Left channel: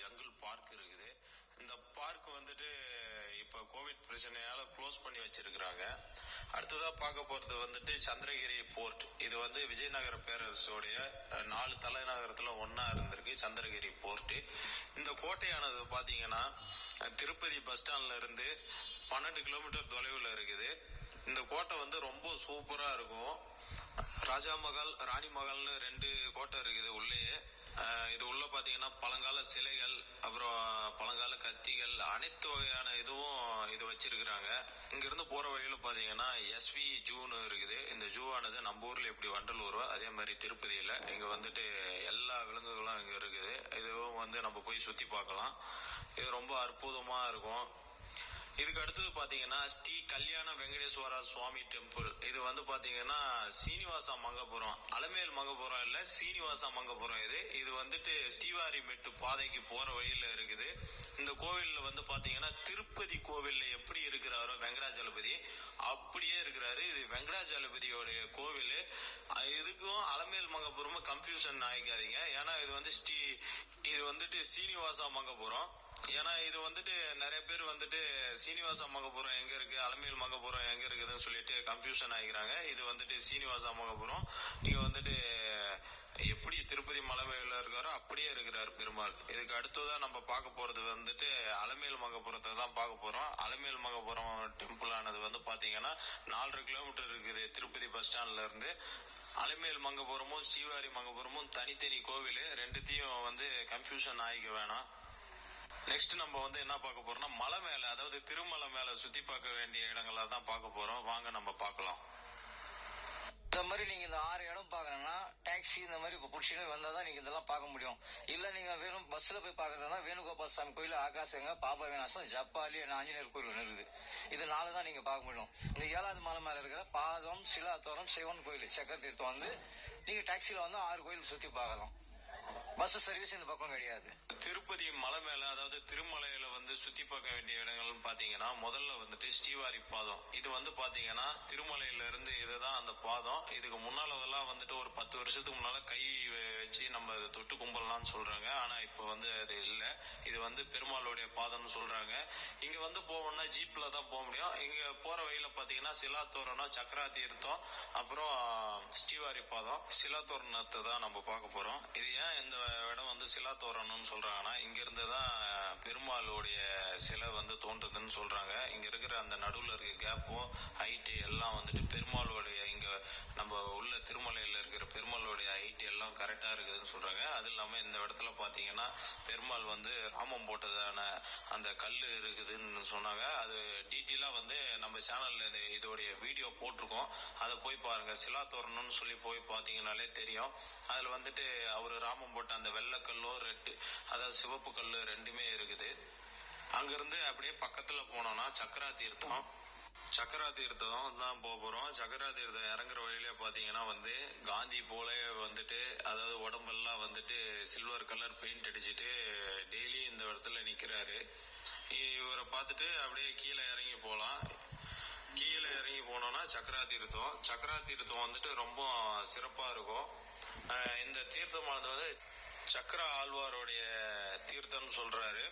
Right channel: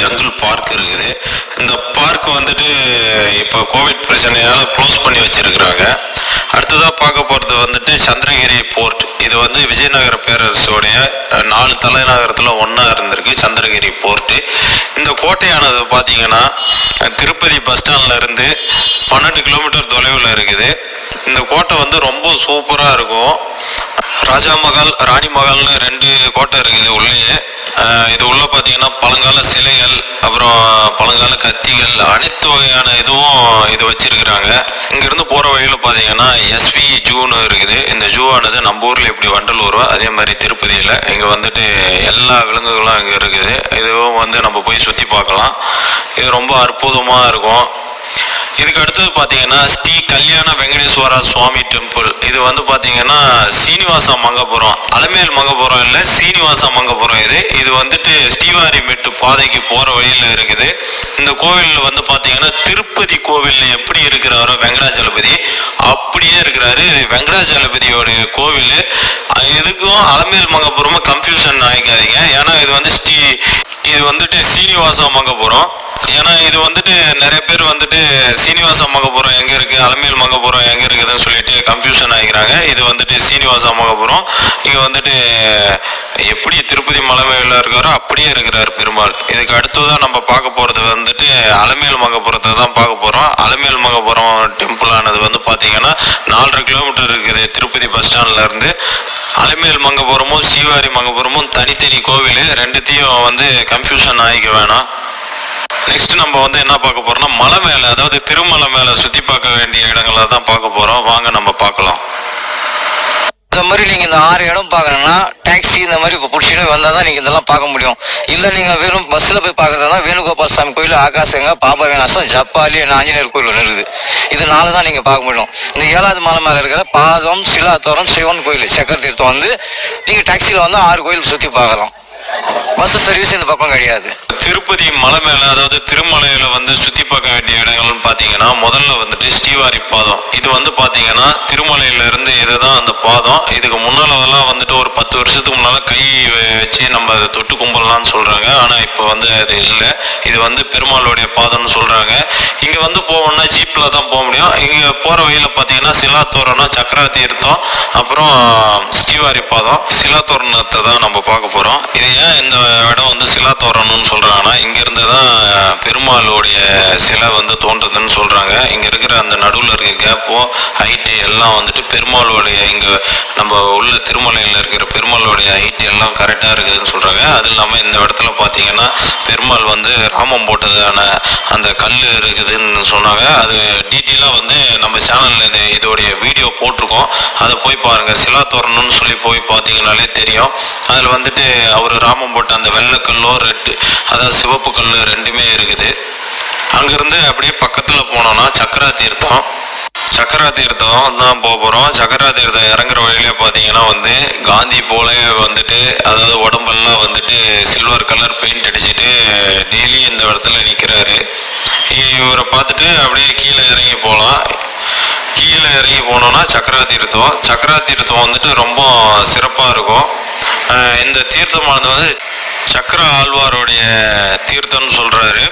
Jungle park இருக்குது. இந்த park வந்துட்டு இப்போ கோவிட் பிரச்சனையால் க்ளோஸ் பண்ணி வச்சிருக்கிறாங்க. அடுத்ததாக பார்க்க போகிறது வந்துட்டு சந்திரகிரி போர்ட். இது வந்து விஜயநகர பேரரசோடைய 4 தலைநகரத்தில் ஒன்றா இருந்திருக்கு சந்திரகிரி போர்ட்டு. இந்த கோட்டையானது பார்த்தீங்கன்னா திருப்பதி பஸ் ஸ்டாண்ட்ல இருந்து 12 கிலோமீட்டர் தொலைவில் இருக்குது. இந்த கோட்டை வந்து ரொம்ப சூப்பராக இருக்கும். ராஜா மகால், ராணி மகால்னு 2 கோட்டை இருக்குது உள்ளேயே. இது உள்ள பார்த்தீங்கன்னா பழங்கால சிலைகள், அப்புறம் பழங்கால கத்திகள், அனைத்து வகையான இதுவும் இது வச்சிருக்கிறாங்க. இங்கிருந்து போகிற வழியில் பார்த்தீங்கன்னா எஸ்வி ஜூன்னு இருக்குது. இந்த ஜூ ஆனது நம்ம ஊரில் எப்படி வண்டலூரோ அதே மாதிரி திருப்பதியில் இங்கே வந்துட்டு எல்லா விலங்குகளும் இங்கே இருக்குது. இதுவும் வந்து நம்ம போய் சுற்றி பார்க்கலாம். இது ரொம்ப அற்புதமாக இருக்கும். இதுக்கு அடுத்தது பார்த்தீங்கன்னா ஸ்ரீ கல்யாண வெங்கடேஸ்வரா சுவாமி டெம்பிள். இது வந்து பார்த்தீங்கன்னா சீனிவாச மங்கபுரம், அலமேல் மங்கபுரம் இல்லை, சீனிவாச மங்கபுரம். இது வந்துட்டு ஸ்ரீவாரிமெட்டு பாதைக்கு போகிற வழியில் இருக்குது. இந்த கோவிலில் வந்து பார்த்தீங்கன்னா திருப்பதி கோவிலில் எப்படி இருக்கிறாரோ வெங்கடாஜலபதி அப்படியே இருக்கிறாரு. இது வெங்கடாஜலபதியோடைய கோவில். இதுக்கும் அலமேல் மங்கபுரமும் கன்ஃபியூஷன் ஆகிக்காதீங்க. ஏன்னா இது வந்துட்டு சீனிவாச மங்கபுரம். ஏன்னா இது வந்துட்டு நிறைய பேர் வந்துட்டு சீனிவாச மங்கபுரம் எங்கே இருக்குது, அலமேல் மங்கபுரம் எங்கே இருக்குதுன்னு சொல்லிட்டு கன்ஃபியூஷன் ஆகிக்கிறாங்க. இது வந்துட்டு சீனிவாச மங்கபுரம். இங்கே வந்துட்டு எப்படி திருப்பதி மலை மேல இருக்காரோ அப்படியே இருக்கிறார் பெருமாள். இதுக்கு அடுத்ததான் நம்ம பார்க்க போகிறது வந்துட்டு அலமேல் மங்கபுரத்தை தான் பார்க்க போகிறோம். அலமேல் மங்கபுரம் டெம்பிள் ஆனது வந்து பார்த்தீங்கன்னா 4.5 கிலோமீட்டர் இருக்குது திருப்பதி பஸ் ஸ்டாண்ட்ல இருந்து. அலமேல் மங்கபுரமும் ஸ்ரீவாரி மங்கபுரமும் தனித்தனி கோவில். ரெண்டுத்தையும் வந்து கன்ஃபியூஷன் ஆகிக்க வேணாம். நெக்ஸ்ட் நம்ம வந்து என்ன பார்க்க போறோம்னா மலை மேலே, அதாவது திருமலை மேலே சுற்றி பார்க்க வேண்டிய இடங்களை தான் பார்க்க போகிறோம். வாங்க நம்ம பார்க்கலாம். இந்த மாதிரி நீங்கள் இந்த 6 இடம் பார்க்கணுன்னா டாக்ஸி இந்த மாதிரி இப்போ பிடிச்சிட்டு வந்தால் தான் நீங்கள் இதெல்லாம் பார்க்க முடியும். இல்லை நீங்கள் வெறும் பஸ்ஸில் போய் பார்க்குறதா வேணுகோபால் சாமி கோயில், ஆகாசங்க, பாபா விநாசம், ஜப்பாலி, ஆஞ்சநேயர் கோயில் ஒன்று இருக்குது. இது 4 தான் நீங்கள் பார்க்க முடியும். இந்த 7வது மலை மேலே இருக்கிற பாதம், சிலாத்தோரம், சிவன் கோயில், சக்கர தீர்த்தம் வந்து நீங்கள் டாக்ஸியில் வந்து 6 கோயில் சுற்றி பார்க்கலாம். பஸ் சர்வீஸ் இந்த பக்கம் கிடையாது. திருப்பதி மலை மேலே, அதாவது திருமலையில வந்து சுற்றி பார்க்க வேண்டிய இடங்கள்னு பார்த்தீங்கன்னா முதல்ல வந்துட்டு ஸ்ரீவாரி பாதம். இது வந்து பார்த்தீங்கன்னா திருமலையில இருந்து இதுதான் அந்த பாதம். இதுக்கு முன்னாலெல்லாம் வந்துட்டு ஒரு 10 வருஷத்துக்கு முன்னால் கை வச்சு நம்ம அதை தொட்டு கும்பலாம்னு சொல்கிறாங்க. ஆனால் இப்போ வந்து அது இல்லை. இது வந்து பெருமாளுடைய பாதம்னு சொல்கிறாங்க. இங்கே வந்து போகணும்னா ஜீப்பில் தான் போக முடியும். இங்கே போகிற வழியில் பார்த்தீங்கன்னா சிலாத்தோரம்னா சக்கரா தீர்த்தம், அப்புறம் ஸ்ரீவாரி பாதம். சிலாத்தோரணத்தை தான் நம்ம பார்க்க போகிறோம். இது ஏன் இந்த இடம் வந்து சிலாத்தோரணம்னு சொல்கிறாங்கன்னா இங்கேருந்து தான் பெருமாளுடைய சிலை வந்து தோன்றுதுன்னு சொல்கிறாங்க. இங்கே இருக்கிற அந்த நடுவில் இருக்க கேப்போ ஹைட்டு எல்லாம் வந்துட்டு பெருமாளுடைய இங்கே நம்ம உள்ள திருமலையில் இருக்கிற பெருமாளுடைய ஹைட்டு எல்லாம் கரெக்டாக இருக்குதுன்னு சொல்கிறாங்க. அது இல்லாமல் இந்த இடத்துல பார்த்தீங்கன்னா பெருமாள் வந்து ராமம் போட்டதான அந்த கல் இருக்குதுன்னு சொன்னாங்க. அது டீட்டெயிலாக வந்து நம்ம சேனலில் இதோடைய வீடியோ போட்டிருக்கோம். அதை போய் பாருங்கள். சிலாத்தோரணம்னு சொல்லி போய் பார்த்தீங்கன்னாலே தெரியும். அதில் வந்துட்டு அவர் ராமம் போட்ட அந்த வெள்ளைக்கல்லோ அதாவது சிவப்பு கல் 2மே இருக்குது. அங்கிருந்து அப்படியே பக்கத்தில் போனோம்னா சக்கரா தீர்த்தம் தான் போக போகிறோம். சக்கரா தீர்த்தம் இறங்குற வழியிலே பார்த்தீங்கன்னா வந்து காந்தி போல வந்துட்டு, அதாவது உடம்பெல்லாம் வந்துட்டு சில்வர் கலர் பெயிண்ட் அடிச்சுட்டு டெய்லி இந்த இடத்துல நிற்கிறாரு. இவரை பார்த்துட்டு அப்படியே கீழே இறங்கி போகலாம். கீழே இறங்கி போனோம்னா சக்கரா தீர்த்தம் வந்துட்டு ரொம்ப சிறப்பாக இருக்கும். இந்த தீர்த்தமானது வந்து சக்கர ஆழ்வாருடைய தீர்த்தம்னு சொல்கிறாரு.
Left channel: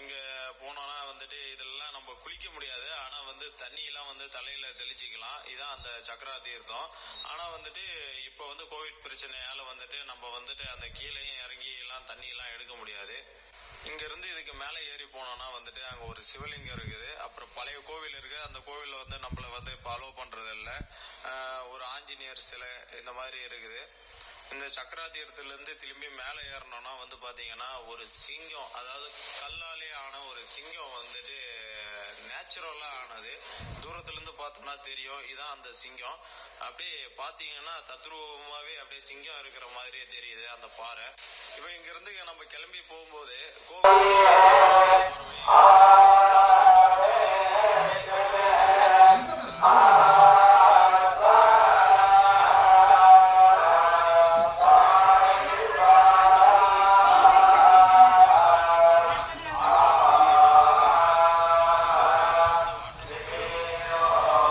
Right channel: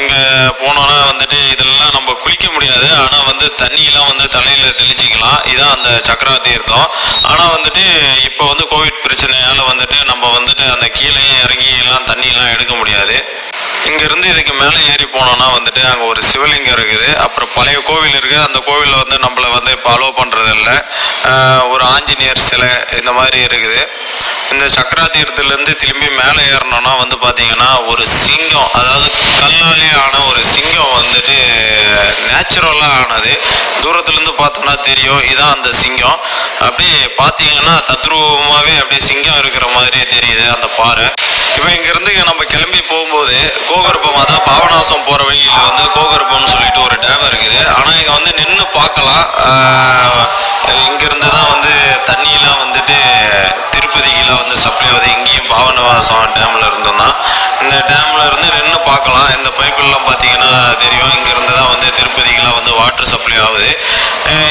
இங்கே போனோன்னா வந்துட்டு இதெல்லாம் நம்ம குளிக்க முடியாது. ஆனால் வந்து தண்ணியெலாம் வந்து தலையில் தெளிச்சிக்கலாம். இதுதான் அந்த சக்கரா தீர்த்தம். ஆனால் வந்துட்டு இப்போ வந்து கோவிட் பிரச்சனையால் வந்துட்டு நம்ம வந்துட்டு அந்த கீழே இறங்கி எல்லாம் தண்ணியெல்லாம் எடுக்க முடியாது. இங்கேருந்து இதுக்கு மேலே ஏறி போனோன்னா வந்துட்டு அங்கே ஒரு சிவலிங்கம் இருக்குது. அப்புறம் பழைய கோவில் இருக்குது. அந்த கோவிலில் வந்து நம்மளை வந்து இப்போ அலோவ் பண்ணுறதில்ல. ஒரு ஆஞ்சநேயர் சிலை இந்த மாதிரி இருக்குது. இந்த சக்கரா தீர்த்தத்துலேருந்து திரும்பி மேலே ஏறணும்னா வந்து பார்த்தீங்கன்னா ஒரு சிங்கம், அதாவது கல்லாலே ஆன ஒரு சிங்கம் வந்துட்டு நேச்சுரலாக ஆனது. தூரத்துலேருந்து பார்த்தோம்னா தெரியும் இதான் அந்த சிங்கம். அப்படியே பார்த்தீங்கன்னா தத்ரூபமாகவே அப்படியே சிங்கம் இருக்கிற மாதிரியே தெரியுது அந்த பாறை. இப்போ இங்கேருந்து நம்ம கிளம்பி போகும்போது கோகர்பம், அதான் பாபநாசம் போகிற வழியில் வந்து கோகர்பம்னு சொல்லிட்டு ஒரு டேம் இருக்குது. ஆனால் இங்கே வந்து நின்று பார்க்கலாம். இங்கேருந்து தான் வந்து தண்ணியெலாம் வந்துட்டு திருப்பதிக்கெலாம் வந்து சப்ளை ஆகுது. இங்கேயும் பாபநாசம் டேமில் இருந்தோம்னா இந்த டேமில் இருந்து நின்று பார்க்கலாம். இந்த பைப்புலாம் பார்த்தீங்கன்னா தெரியும். இங்கேருந்து தான் வந்து திருப்பதிக்கெலாம் வந்து வாட்டர் சப்ளை ஆகுது.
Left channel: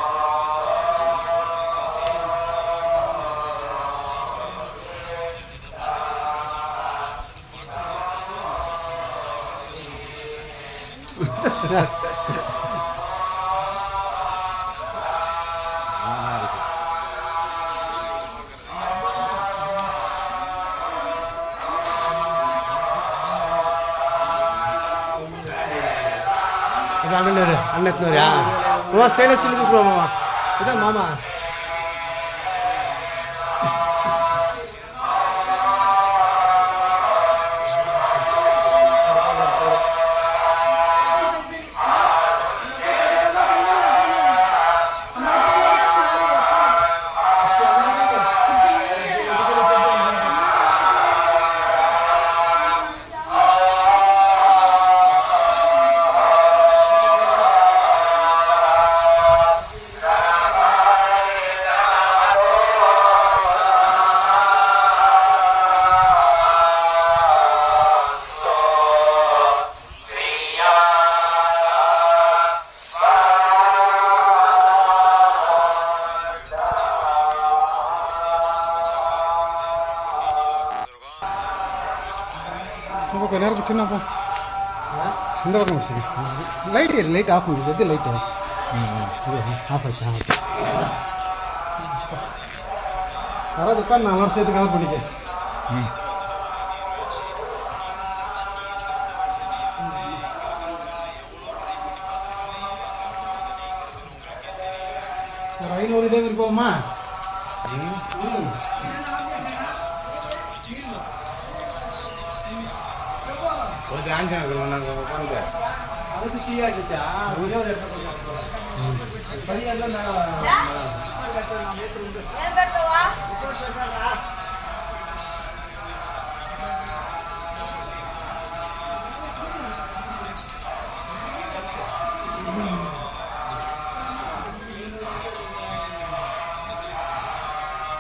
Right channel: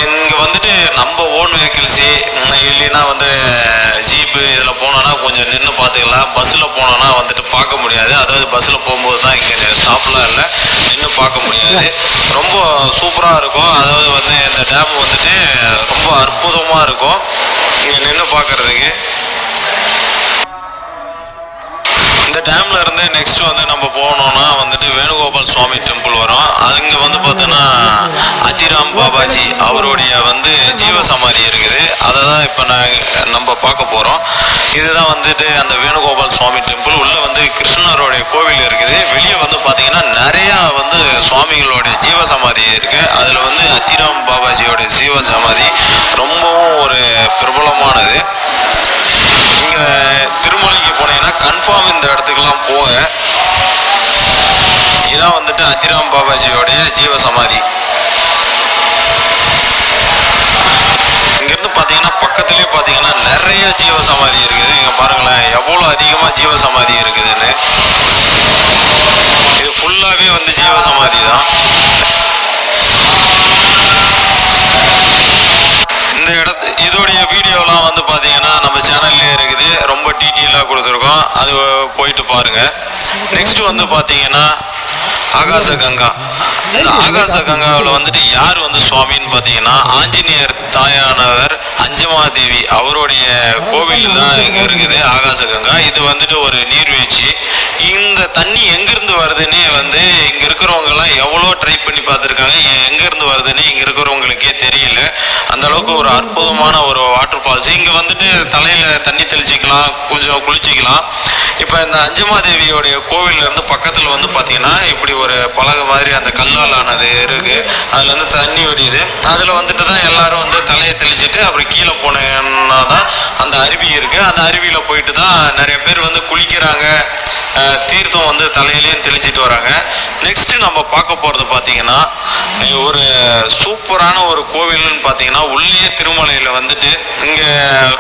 இங்கே வந்துட்டு நம்ம ஓன் வெஹிக்கிள்ஸு இல்லைன்னா வந்து ஜீப்பு இதில் போனோன்னா கொஞ்சம் நின்று பார்த்துக்கலாம். பஸ்ஸில் போனோன்னா வந்துட்டு பார்க்க முடியாது. அதாவது பஸ்ஸில் போகும்போது தான். இங்கே ஸ்டாப்லாம் இல்லை, நின்று பார்க்க முடியாது. ரொம்ப சூப்பராக இருக்கும். அதாவது வந்து இந்த டேம் வந்துட்டு ரொம்ப அற்புதமாக இருக்கும் இங்கே நின்று பார்க்குறதுக்கு. இந்த டேம்ல இருந்து நெக்ஸ்ட் வந்து நம்ம போனோம்னா வந்துட்டு வேணுகோபால் சுவாமி டெம்பிள் வரும். அங்க வந்து பார்த்தோன்னா அதிராம் பாபாஜி அவருடைய வந்து ஜீவசமாதி இருக்குது. அதை தான் இப்போ நம்ம பார்க்க போகிறோம். இதுதான் வந்துட்டு அந்த வேணுகோபால் சுவாமி டெம்பிள். உள்ள வந்து கிருஷ்ணருடைய கோவில் இருக்குது. வெளியே வந்து பார்த்தீங்கன்னா நிறையா வந்து சுவாமிகளுடைய ஜீவசமாதி இருக்கு. அதில் வந்து அதிராம் பாபாஜியோட ஜீவசமாதி ரொம்பவும் ஒரு பிரபலமானது. இங்கே திருமலைக்கு போனீங்கன்னா கன்ஃபார்ம் இந்த இடத்துக்கெல்லாம் போங்க. இதான் வந்துட்டு அதிராம் பாபாஜியோடைய ஜீவசமாதி. இங்கிருந்து பார்த்தீங்கன்னா பக்கத்துலேயே பார்த்தீங்கன்னா நிறைய ஜீவசமாதி இருக்குது. இங்கே பாருங்களேன் எவ்வளோ அதிகமாக ஜீவசமாதி இருக்குதுன்னு. இது ஃபுல்லாகவே வந்து ஜீவசமாதி தான். இந்த இதோடைய வீடியோலாம் வந்து பார்த்தீங்கன்னா நம்ம சேனல்லே இருக்குது. ரொம்ப டீட்டெயிலாக கொடுத்துருக்கோம், அது போயிட்டு பாருங்க. நெக்ஸ்ட் வந்து பார்த்தீங்கன்னா ஆகாச கங்கா. இந்த ஆகாச கங்காவில் வந்துட்டு யார் வந்து சுவாமின்னு பார்த்தீங்கன்னா ஆஞ்சநேயர் தாயானவர் அஞ்சமாதேவி அவருடைய கோவில் தான் இங்கே இருக்குது ஆகாச கங்கா. இது வந்துட்டு ஒரு நீர்வீழ்ச்சி. இந்த தண்ணி எங்கிருந்து வருதுன்னே வந்து இங்கே இருக்கிறவங்கெல்லாம் எவ்வளோ ட்ரை பண்ணி பார்த்துருக்காங்க. எங்கேருந்து வருதுன்னு இங்கே இருக்கிறவங்களுக்கே தெரியல. அந்த அளவுக்கு ஒரு அற்புதமான ஒரு வாட்டர் ஃபால்ஸ். இங்கே வந்துட்டு தலையில் தண்ணி தெளிச்சிக்கலாம், கொஞ்சம் குளிச்சிக்கலாம். இப்போ இந்த அஞ்சமாதேவியோடைய கோவிலேருந்து பக்கத்தில் வந்து பார்த்தீங்கன்னா இப்படி ஒரு பலகை மாதிரி அந்த கல்லால் ஆனது இருக்கு. அதுல இருந்து தண்ணி வடியுது. அதுல வந்துட்டு தான் எல்லாரும் வந்து தலையை தெளிச்சுட்டு அப்புறம் கீழே போனீங்கன்னா தான் அந்த அருவி இருக்கு. அந்த அருவியில போயிட்டு தான் நிறைய பேர் வந்து குளிக்கிறாங்க. தீர்த்தம் வந்து தலையிலையும் தெளிச்சிட்டு வராங்க. நெக்ஸ்ட் நம்ம பார்க்க போறது பார்த்தீங்கன்னா ஒரு சூப்பரான ஒரு கோவில்னு பார்த்தீங்கன்னா உள்ளே திருமலையில வந்துட்டு இங்க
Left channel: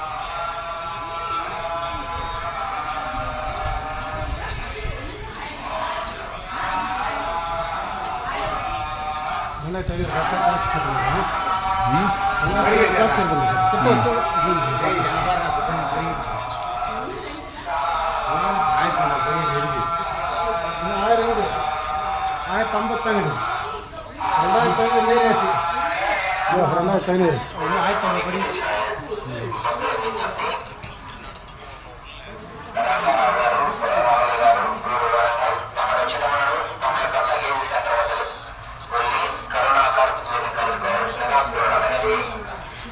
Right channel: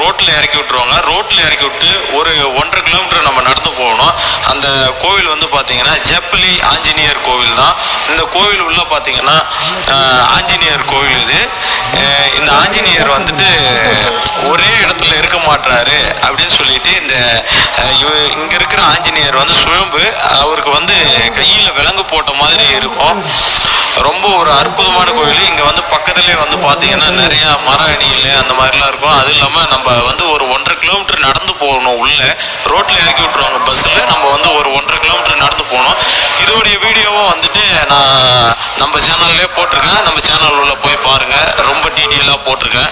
ரோட்ல இறக்கி விட்டுருவாங்க. ரோட்ல இறக்கி விட்டு ஒரு 1.5 கிலோமீட்டர் நம்ம நடந்து போகணும். அந்த கோவில் வந்து பார்த்தீங்கன்னா ஜெப்பலி ஆஞ்சநேயர் கோவில் தான். இந்த கோவில் உள்ள பார்த்தீங்கன்னா ஆஞ்சநேயர் கோவில் இது. இந்த ஆஞ்சநேயர் வந்துட்டு ஒரே இடத்துல இருக்க மாட்டாரு அப்படின்னு சொல்லிட்டு இங்க இருக்கிற ஆஞ்சநேயர் வந்து சுயம்பு. அவருக்கு வந்து கையில விலங்கு போட்ட மாதிரி இருக்கும். ரொம்ப ஒரு அற்புதமான கோவில். இங்க வந்து பக்கத்துலேயே வந்து பார்த்தீங்கன்னா நிறைய மர அடிகள் அந்த மாதிரிலாம் இருக்கும். அது இல்லாமல் நம்ம வந்து ஒரு 1.5 கிலோமீட்டர் நடந்து போகணும். உள்ள ரோட்ல இறக்கி விட்டுருவாங்க பஸ்ஸில். நம்ம வந்து ஒரு 1.5 கிலோமீட்டர் நடந்து போகணும். இதோடைய வீடியோவும் வந்துட்டு நான் நம்ம சேனல்லே போட்டிருக்கேன். நம்ம சேனல் உள்ள போய் பாருங்க, ரொம்ப டீட்டெயிலாக போட்டிருக்கேன்.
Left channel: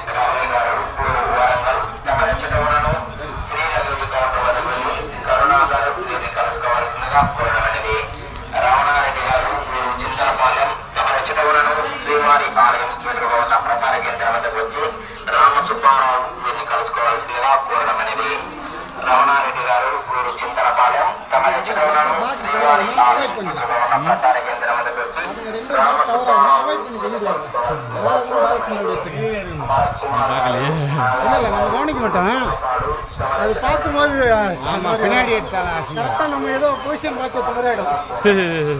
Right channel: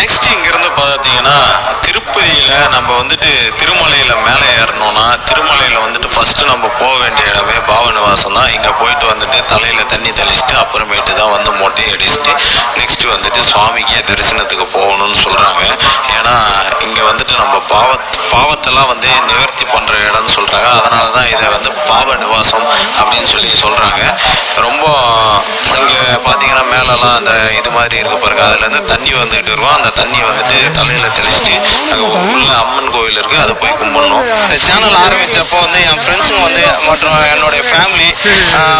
நெக்ஸ்ட் இங்கிருந்து பார்த்தீங்கன்னா திருப்பதியில் நம்ம வந்துட்டு திருமலையில் மேலே ஏறணும்னா திருமலையில் வந்துட்டு ஃபஸ்ட்டு நம்ம போக வேண்டிய இடமே பாவநிவாசம் தான். இங்கே போயிட்டு வந்துட்டு தலையில் தண்ணி தெளிச்சுட்டு அப்புறமேட்டு தான் வந்து மொட்டை அடிச்சுட்டு நெக்ஸ்ட்டு வந்துட்டு சுவாமிக்கே தரிசனத்துக்கு போகணும்னு சொல்கிறாங்க. ஏன்னா இங்கே வந்துட்டு நம்ம பாவத்தெல்லாம் வந்து நிவர்த்தி பண்ணுற இடம்னு சொல்கிறாங்க. அதனால தான் இதை வந்து பாவ நிவாசம் அப்படின்னு சொல்லி சொல்கிறாங்க. ரொம்ப இங்கே பார்த்தீங்கன்னா மேலெல்லாம் அந்த இது மாதிரி இருக்க பாருங்க, அதுலேருந்து தண்ணி வந்துகிட்டு இருக்கும். அந்த தண்ணி வந்துட்டு தலையில் தெளிச்சுட்டு அங்கே உள்ள அம்மன் கோவில் இருக்குது, அதை போய் கும்பிடணும். இந்த சேனல் ஆரம்பித்தப்போ வந்து என் ஃப்ரெண்ட்ஸுங்க வந்து மற்றும் என்னுடைய ஃபேமிலி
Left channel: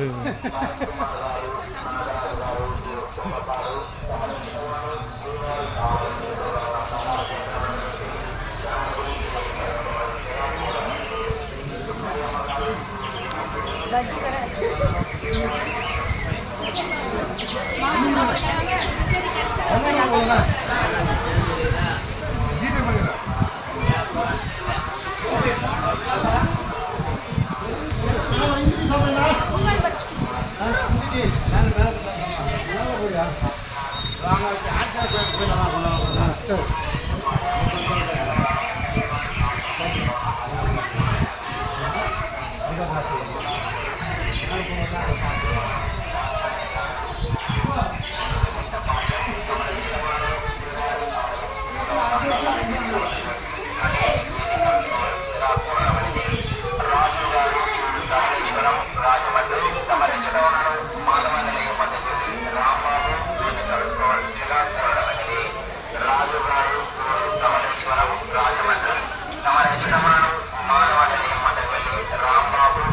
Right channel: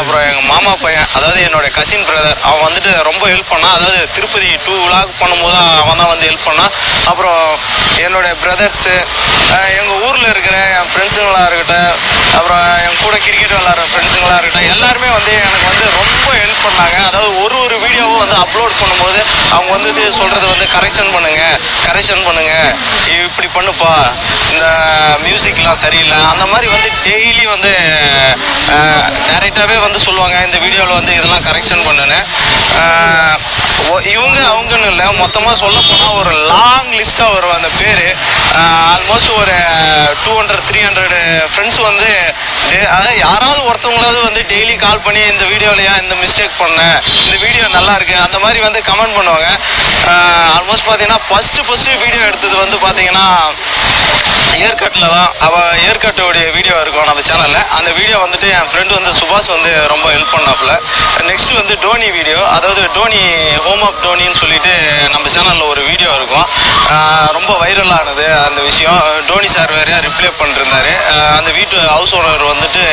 அப்புறம் எங்கள் மாமா பையன், அதாவது என்னுடைய கசின் பிரதர், அவன் வந்துட்டு ரொம்ப ஹெல்ப் பண்ணான். அதாவது திருப்பதி 2 vlog பண்ணும்போது அவன் தான் வந்து ஹெல்ப் பண்ணான். அப்புறம் என்னுடைய பிரதர்ஸு, எங்கள் ஊரில் இருக்கிற என் ஃப்ரெண்ட்ஸுங்களாக இருக்கட்டும், அப்புறம் என் கூட கிரிக்கெட் விளாட்ற ஃப்ரெண்ட்ஸுங்களாக இருக்கட்டும், எல்லாருமே வந்து எனக்கு வந்து ரொம்ப ஹெல்ப் பண்ணாங்க. அதாவது ஒரு வீடியோவும் வந்து அப்லோட் பண்ணும்போது அவங்க வந்து சொல்கிறது வந்து கரெக்ஷன் பண்ணுங்க, இப்படி பண்ணுப்பா, இந்த மியூசிக்லாம் சரியில்லை, அந்த மாதிரி வந்து டெய்லி வந்து டேரெக்டாகவே வந்து சொல்லுவாங்க. இந்த வீடியோவில் வந்து இதெல்லாம் கரெக்ஷன் பண்ணுன்னு. அவங்கன்னு இல்லை, மொத்தமாக சொல்ல போனால் ஒரு லாங் லிஸ்ட்டாக வரும் அந்த பேர். ஆல்மோஸ்ட் ஒரு 200-300 ஃப்ரெண்ட்ஸ் வந்து அதாவது யாராவது ஒருத்தவங்களாவது வந்து டெய்லி கால் பண்ணி இந்த வீடியோலையா இந்த மிஸ்டேக் பண்ணேன், இந்த வீடியோ நல்லா இருக்கு, அந்த மாதிரி வந்து கமெண்ட் பண்ணுவாங்க. ஆல்மோஸ்ட் பார்த்தீங்கன்னா ஃபஸ்ட்டு வீடியோ எடுத்தது வந்து பார்த்தீங்கன்னா ஏர்கட்டில் தான். அவள் ஏர்கட்டோடைய வீடியோ இருக்கும் நம்ம சேனலில். அந்த வீடியோ வந்துட்டு என் ஃப்ரெண்டு வந்து சுபாஷ் வந்து ரொம்ப ஹெல்ப் பண்ணாப்புல. நெக்ஸ்ட் வந்து டோனி வீடியோ, அதாவது டோனி ஹோம் ஆஃப் டோனின்னு சொல்லிட்டு நம்ம சேனலில் ஒரு வீடியோ இருக்கும். ரொம்ப வைரல் ஆனது அந்த விஷயம். டோனி சார் வேறையா ரிப்ளை பண்ணிருந்தாரு. அந்த வீட்டு ஹவுஸ் ஓனர் வந்துட்டு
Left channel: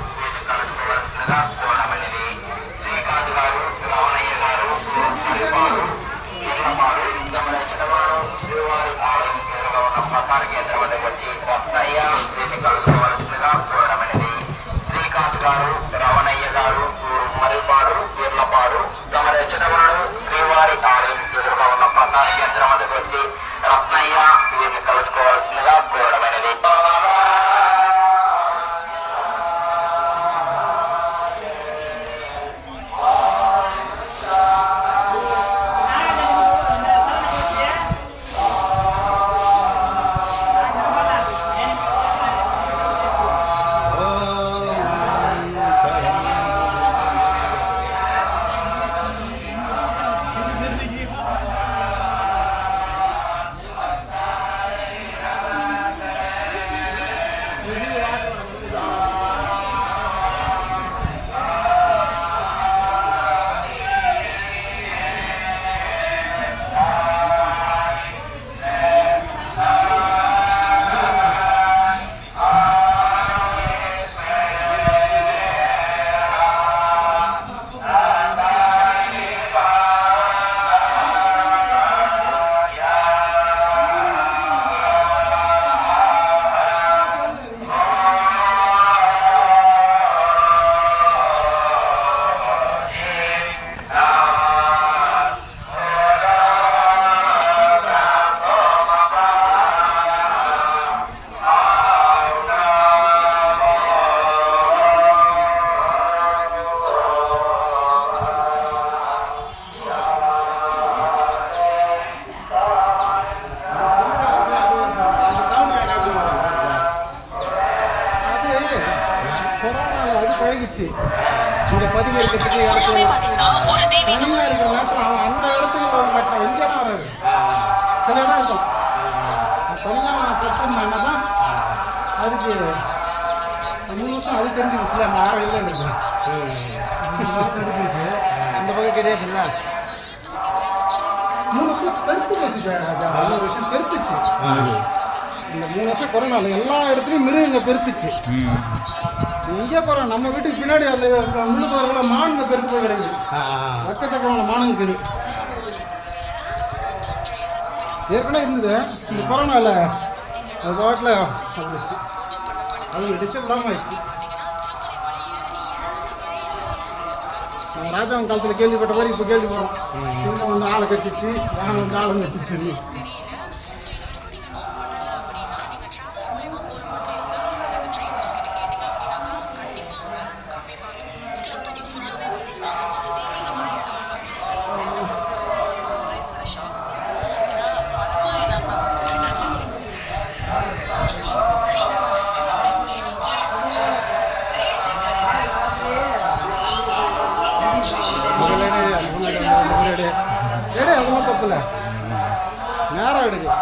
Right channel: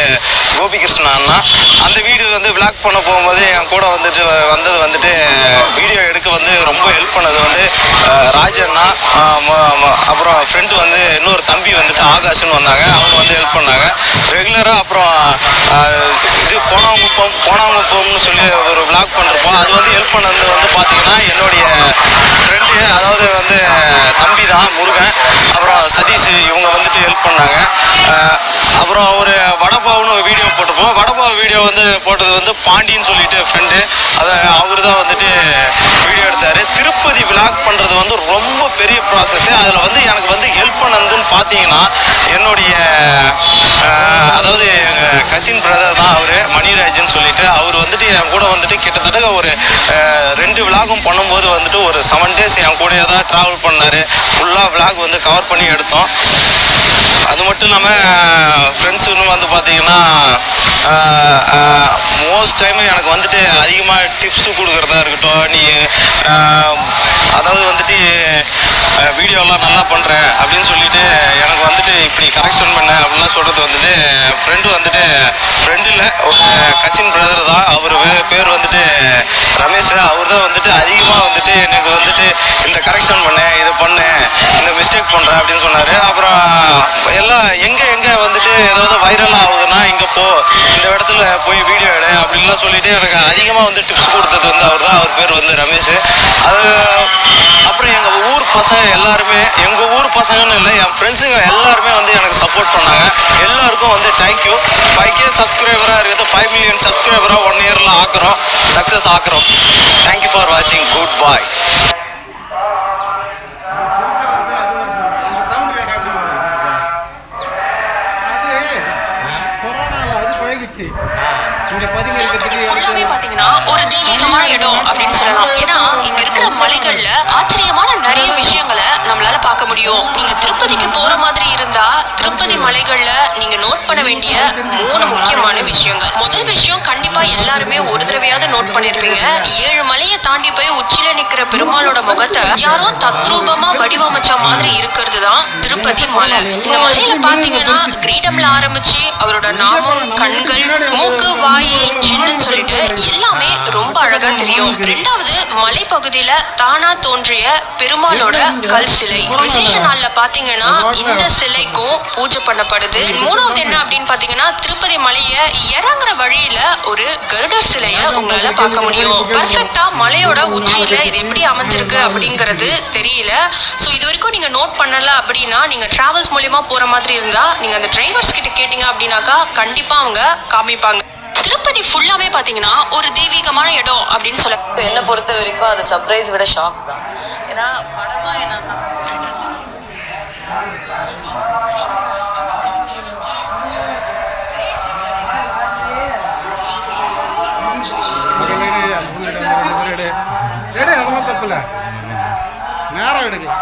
கோபிகிருஷ்ணன் அண்ணா. அந்த வீடியோ வந்து விளாக் பண்ண போகும்போது என் கூட வந்துட்டு வந்துட்டு வீடியோ எடுக்க வந்து ரொம்ப ஹெல்ப் பண்ணது வந்து ராஜண்ணா, அப்புறம் ஃப்ரெண்டு வந்து இன்னொரு தம்பி வந்துட்டு ஆகாஷ்னு வந்தாங்க. அவங்க வந்து ஹெல்ப் பண்ணாங்க. ரெகுலராக பிரதர் அப்புறம் இது போனாங்குப்பம்னு சொல்லி ஒரு விளாக் பண்ணுறப்போ அது வந்து ஹெல்ப் பண்ணது வந்து பார்த்தீங்கன்னா என்னுடைய ஃப்ரெண்டு, அதாவது வந்து தம்பி தான் முருகன், அப்புறம் சதீஷ், இவங்க வந்துட்டு ஹெல்ப் பண்ணாங்க. அப்புறம் ஒரு வடபாவுன்னு ஒரு வீடியோ போட்டிருப்போம். வடபாவு வீடியோ வந்து போட்டது வந்து பாண்டின்னு சொல்லிட்டு ஃப்ரெண்டு, அதை அவர் தான் வந்துட்டு வீடியோ எடுத்தார். திருப்பதி விளாக் பண்ணுறது வந்து ரொம்ப பெரிய ப்ராசஸ்ஸு. அதில் வந்து எனக்கு வந்து ஹெல்ப் பண்ணதுன்னு பார்த்தீங்கன்னா என்னுடைய அதாவது எங்கள் கசின் பிரதர் தான் அவர், மணிராஜன் சொல்லிட்டு. அவர் வந்துட்டு என் கூட வந்துட்டு கிட்டத்தட்ட ஒரு 2 விளாகும் பண்ணும்போது வந்துட்டு ஒரு 7 days என் கூடயே தான் ட்ராவல் பண்ணார். ஃபுல்லாக விளாக் வந்து கவர் பண்ணி எடுத்தோம். அது மட்டும் இல்லாமல் ஃப்ரெண்ட்ஸுன்னு வந்து பார்த்தீங்கன்னா மோஸ்ட் டைம் எனக்கு வந்துட்டு அதிகமாக டிப்ஸு கொடுக்குறதா இருக்கட்டும், நீ அதாவது வந்துட்டு வீடியோலாம் நல்லா பண்ணுற அப்படின்னு சொல்லிட்டு எனக்கு வந்துட்டு இப்படி கரெக்ஷன் பண்ண அப்படின்லாம் சொல்கிறது வந்துட்டு ஃப்ரெண்டு இல்லை, ஒரு கசின் பிரதர் தான். அவர் பேர் வந்துட்டு ரமேஷ். அவர் தான் வந்துட்டு அதிகமாக வந்துட்டு எனக்கு வந்துட்டு இந்த கரெக்ஷன் பண்ண, இதை பண்ணு, இந்த மிஸ்டேக் பண்ணுறேன் அப்படின்னு சொன்னார். அப்புறம் எல்லாம் எங்கே வந்துட்டு ஏதாவது வைரலாக ஆகுதுன்னா இங்கே போ, இந்த இடத்துல போய் வீடியோ எடு அப்படின்லாம் சொல்லிட்டு எனக்கு அதிகமாக வந்து டிப்ஸ் கொடுத்தது வந்து அவர் தான். அவர் பேர் வந்து ரமேஷ். அது அப்புறம் எங்கள் ஊர் பசங்க எல்லாருமே, எங்கள் ஊர் பசங்கன்னு இல்லை, என் ஃப்ரெண்ட்ஸுங்க எல்லாருமே வந்து எனக்கு சப்போர்ட் பண்ணாங்க. எல்லாருக்கும் வந்து தேங்க்யூ. 5K சப்ஸ்கிரைபராக இருக்குது, 5 million சப்ஸ்கிரைபராக 1 yearல ஆக்குறோம், சக்ஸஸ் ஆக்குறோம். தேங்க்யூ ஃபார் வாட்சிங். குட் பாய். இங்க பதிவு இருக்கிறதுக்கு பாத்தீங்கன்னா ஒரு தெய்வீகமான இடம் அப்படின்னு சொல்லலாம். ஏன்னா இங்க இருக்கிற மலைகள்ல ஆச்சரியமான நிறைய விஷயங்களை நம்மளால பார்க்க முடியும். நீங்க திருப்பதிக்கு போற மாதிரி இருந்தா திருப்பதி மலைகள்ல நீங்க நோட் பண்ண வேண்டிய 3 முக்கியமான விஷயங்கள். முதல் விஷயம் கண்டிப்பா எல்லாருமே ஒரு தடவையாவது நோட் பண்ணிருப்பீங்க. 7 மலையை தாண்டி போய் உச்சியில நிக்கிற பெருமாளோட முகத்தை யாரோ தத்ரூபமா வடிவமைச்ச மாதிரி இருக்கிறது தான் திருப்பதி மலை. இந்த மலையில பாத்தீங்கன்னா கிரீடம்ல ஆரம்பிச்சு அவரோட நாமம், கண்கள், மூக்கு, வாய், சின்னன்னு சொல்லிட்டு எல்லாமே ரொம்ப அழகா தெரியும். 2வது மலைப்பகுதியில தானா தோன்றிய பெருமாளோட கல் சிலை. விசேஷ நாள்ல பாத்தீங்கன்னா இந்த சிலைக்கும் பூஜை பண்ணப்படுது. 3வது என்ன அப்படின்னு பாத்தீங்கன்னா திருப்பதி மலைய இறங்குற வழியில ஒரு கருடர் சிலைய உங்களால பார்க்க முடியும். பெர்ஃபெக்ட்டா மலையோட உச்சியில இது எப்படி அமைஞ்சிருக்கு அப்படிங்கிறது தெரியல. ஸோ இது வரைக்கும் நீங்க நோட் பண்ணல அப்படின்னா நீங்க டிராவல்ஸ் மூலியமா போற மாதிரி இருந்தா நீங்க அந்த டிரைவர்ஸ் கிட்ட கேட்டீங்க அப்படின்னாக்கா கண்டிப்பா அவங்க காமிப்பாங்க. திருப்பதி ஃபுல்லாவே பாத்தீங்கன்னா ஒரு தெய்வீகமான இடம் அப்படின்னு சொல்ல. என்னை பொறுத்த வரைக்கும் அது சர்ப்ரைஸ் விட ஷாக் தான். ஏன்னா படமா என்னன்னா அதெல்லாம் தப்பு இல்லை, நேரம் எடுக்கலாம்.